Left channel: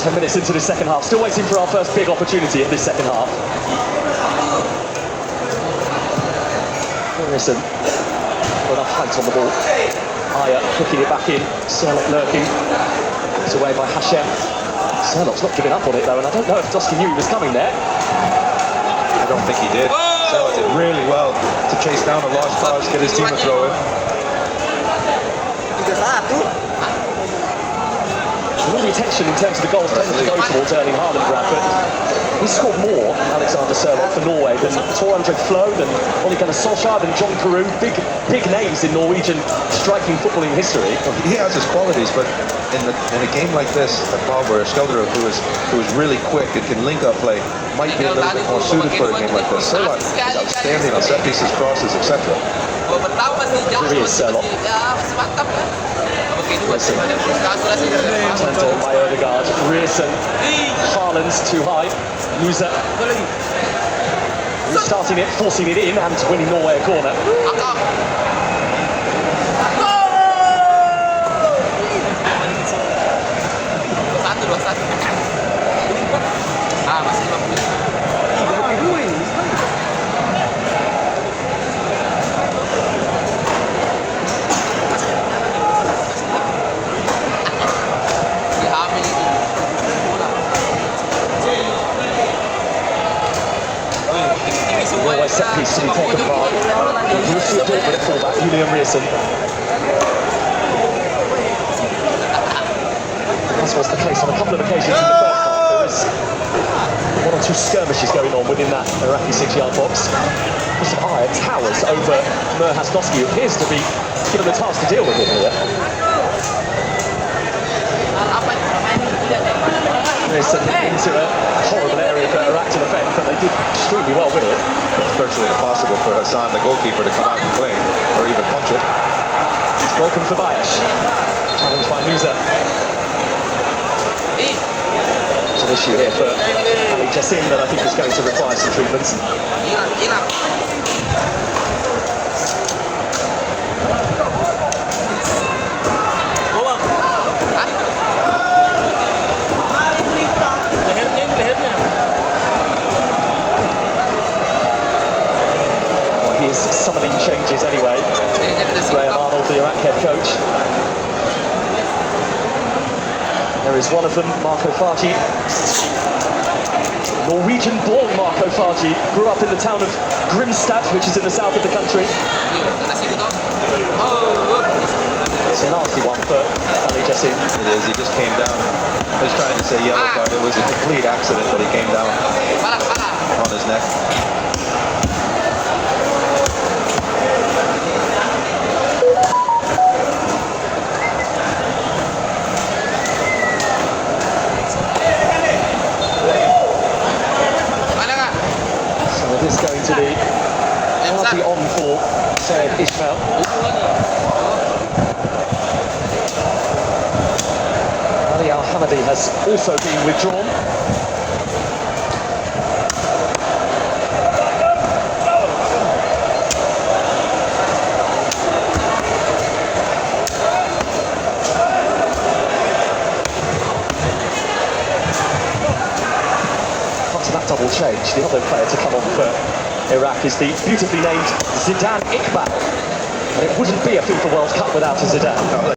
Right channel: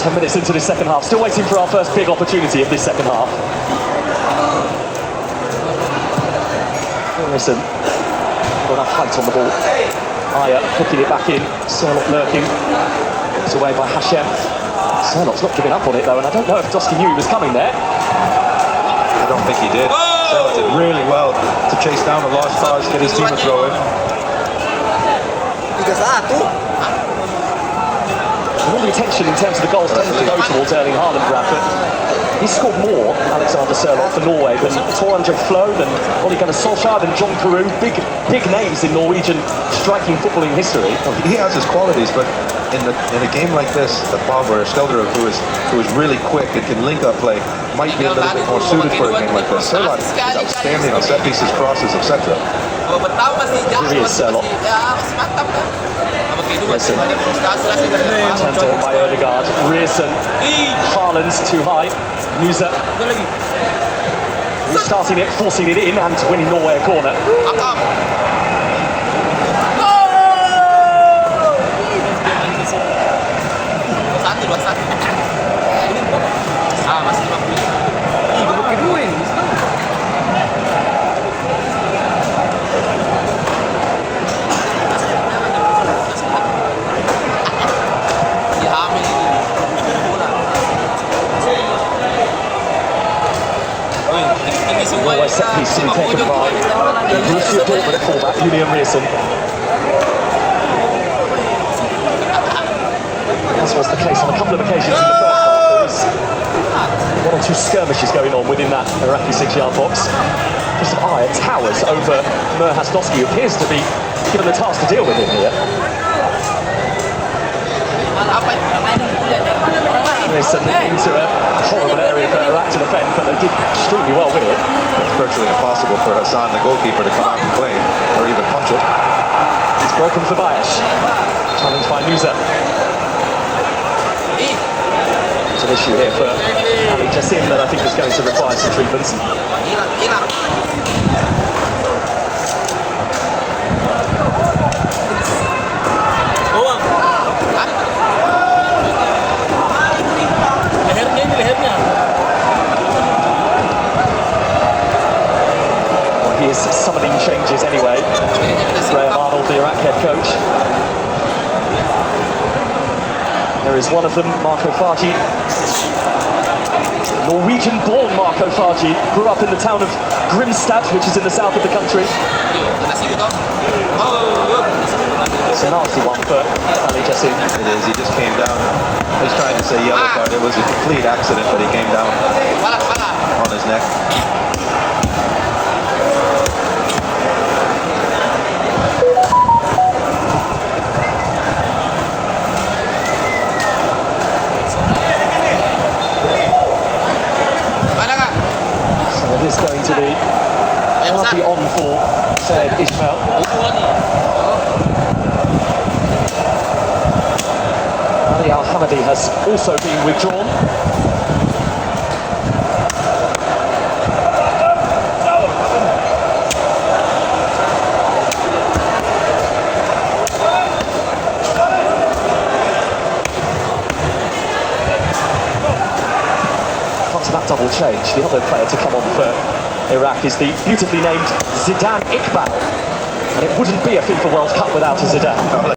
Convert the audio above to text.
10 minutes into the second half, still waiting for our first big opportunity of this second half. Listen, got enough height on the ball. Ajer hooking it back in, Sørloth lurking. It's away by Hashem. Sørloth's not giving up on it though, and I don't know if Dusty knew he was coming there. I don't think he did. Sørloth did really well to chase down a large prize, get his team to throw in. Really tension in terms of the goals tended to go towards Erling Haaland, Bradford. He scored more, Alexander Sørloth, for Norway than Torandre Flo, than Ole Gunnar Solskjaer, than John Carew. Big names in Norwegian striking footballing history. Well, he has his qualities, but in a game like this, the Bauer, Skjelderud, who is really quick and can link up play, might be a little bit more suited for a game like this. Sørloth is outstanding on set pieces, crosses, etc. Here is Sørloth. Turned on by Ødegaard. Ryerson. Haaland too high. Musa. Restarting it, forcing it in, and winning Norway a corner. Norway set piece to be taken by Borussia Dortmund fullback Julian Ryerson. This was the case on a couple of occasions in the first half. There was one or two skirmishes going on within that Iraqi 6-yard box. Mr. Ajer towers over Merhas Doski, who appears to be given the task to deal with him here. Ryerson into a horrible area for Iraq to defend, but they did extremely well with it. It's virtually impossible for Hassan, the goalkeeper, to come out and play or even punch it. It's broken for Bayash. Challenged by Musa. It's an issue here for Ali Jassim that I think is going to require some treatments. He is summoning changes anyway. Graham Arnold, the Iraq head coach. There is one of them, Marco Fargi. Norwegian-born Marco Fargi grew up in the town of Grimstad, which is in the south of the country. It's a nasty one for Ali Jassim. It is, he just came down. He's trying to say yellow card. It was a complete accident, but he came down on his neck. It is going to be partly on for Sayed Ismail. Ali Al-Hanabi has also been withdrawn. That double change, the other player to come on for Iraq is the beautifully named Zidane Iqbal, and it wouldn't be a FIFA World Cup without a Zidane.